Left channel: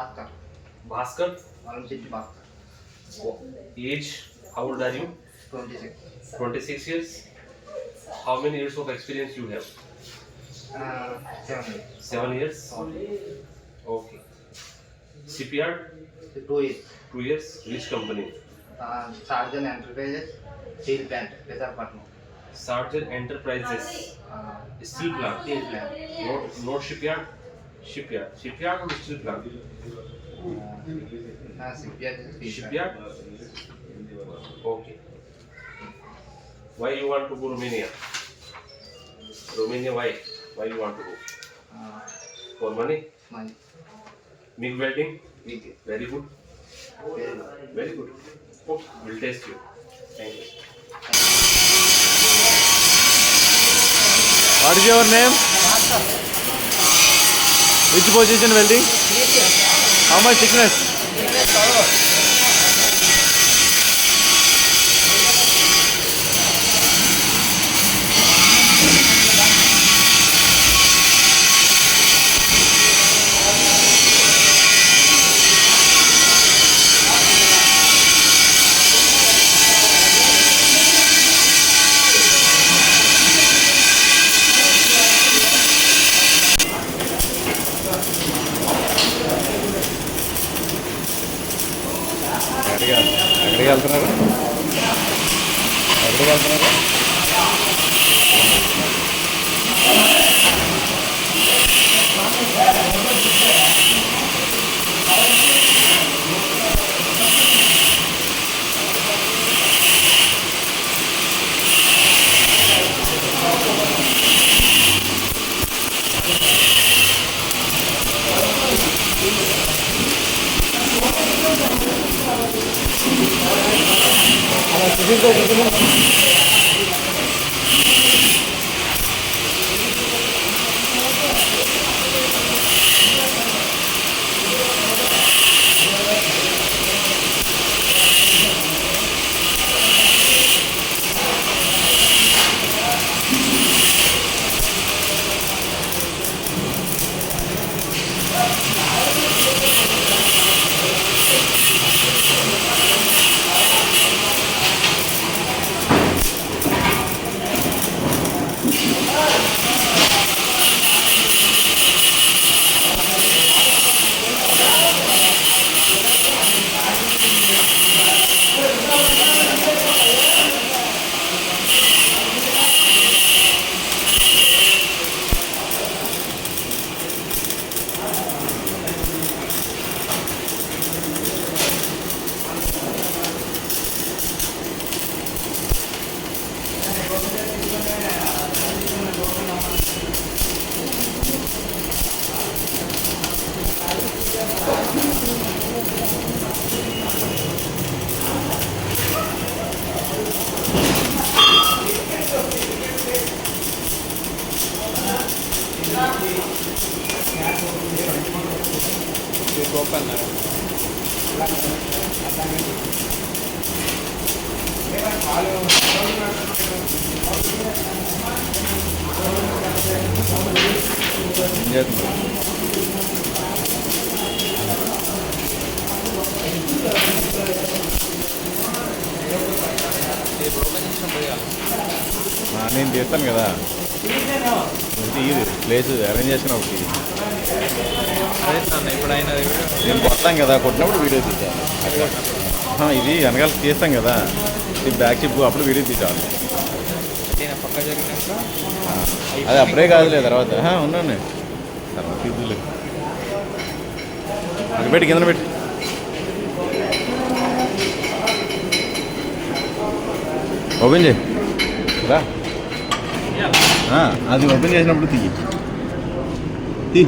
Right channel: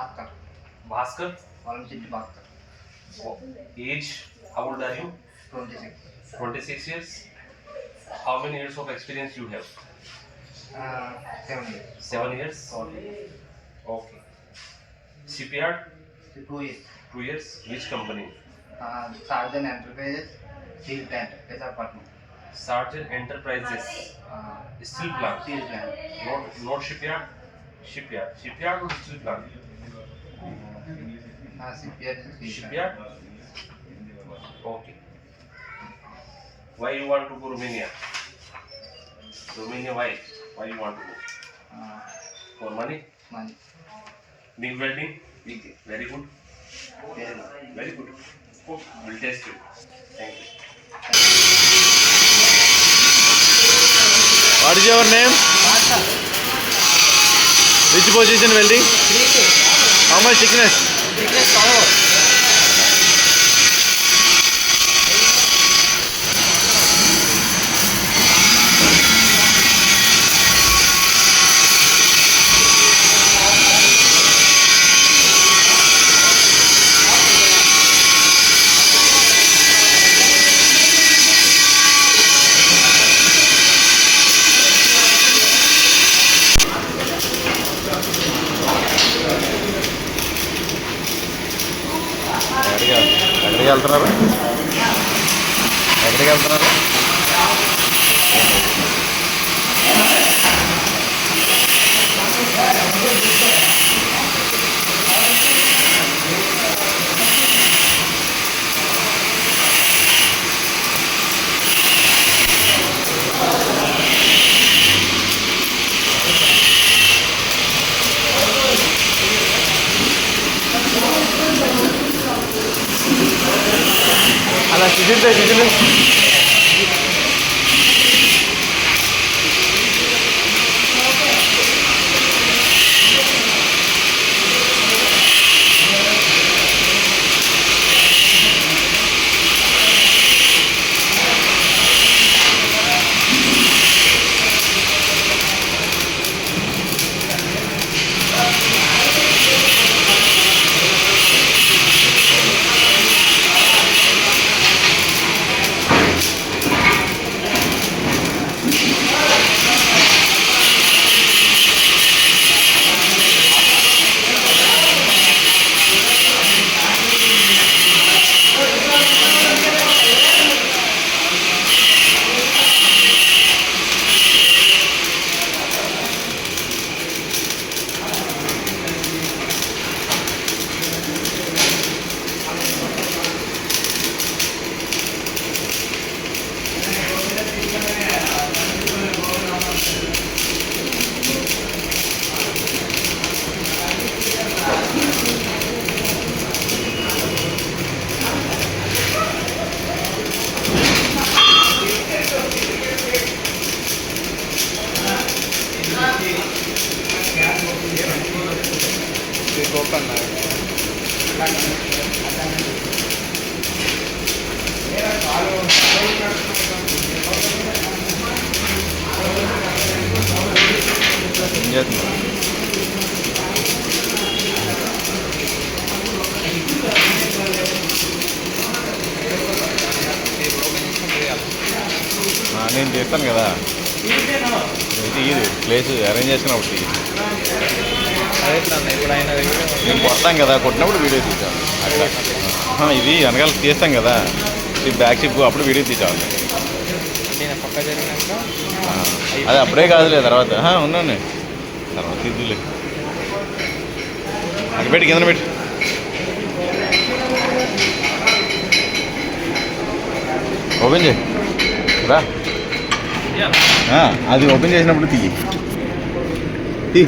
Bhaskar. Bhaskar. Age, how old are you? 26. 26 years. How many years of experience you have? 7 years. 7 years. Okay. CPR? 2 years. 2 years. Which company? Sarjan Enterprises, Steel Plant, Visakhapatnam. Sarjan Enterprises. Steel plant. Steel Plant. Not shipyard. Shipyard or steel plant? Shipyard. Okay. Why you want to go Romania? Romania, why? Why you want to go? For money? Money. MIG welding? MIG. Very good. Very good. Very good. Okay. We'll test you. Thank you. What is your name? Which position welding? How much thickness? ఎక్కడికి వెళ్తున్నారు? అలా chicken open now. నేను చేస్తాను కదా ఇది place arrange చేసినప్పుడు ఇప్పుడు ఆయన నేను కొడతాం కదా కొట్టినప్పుడు వీడియో తీసాను అట్లా ఇది వెనకాల తీస్తాం కదా ఇది బ్యాక్ షిప్ అప్పుడు వీడియో తీసాను పక్క జరిగినాక అది అప్పుడే కాదులే తర్వాత ఉన్నాను తర్వాత తీద్దులే అది పెట్టి కింద పెట్టి ఓపెన్ చేయి రా అది ఓపెన్ చేసినప్పుడు తీ